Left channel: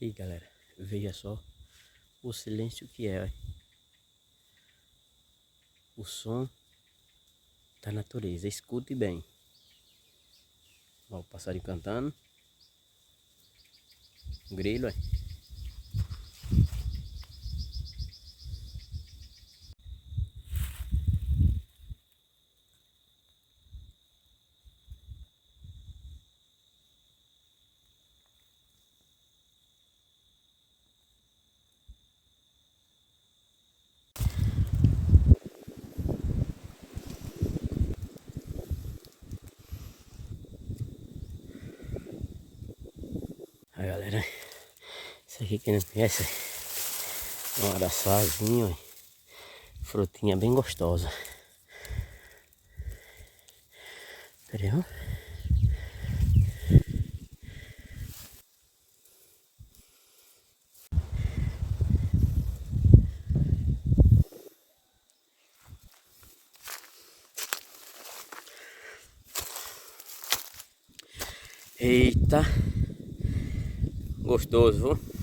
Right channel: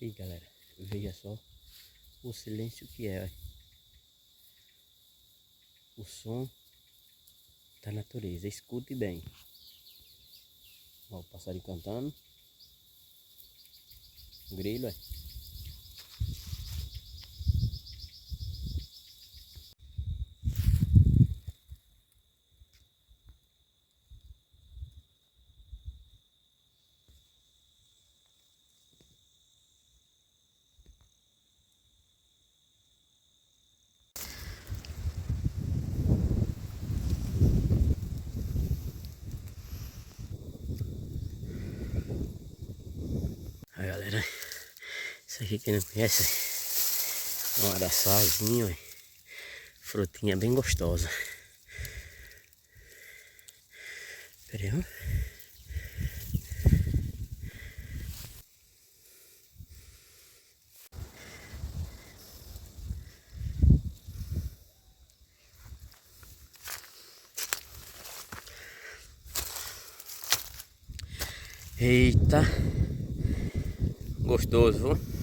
E galera, veja só o silêncio que é, ó. O som da natureza, escute bem. Ó, o passarinho cantando, o grilo, ó. Aí galera, isso aqui quem não conhece é um araçazinho, ó. Frutinha bem gostosa. Pera aí, ó. Eita, gostoso, viu?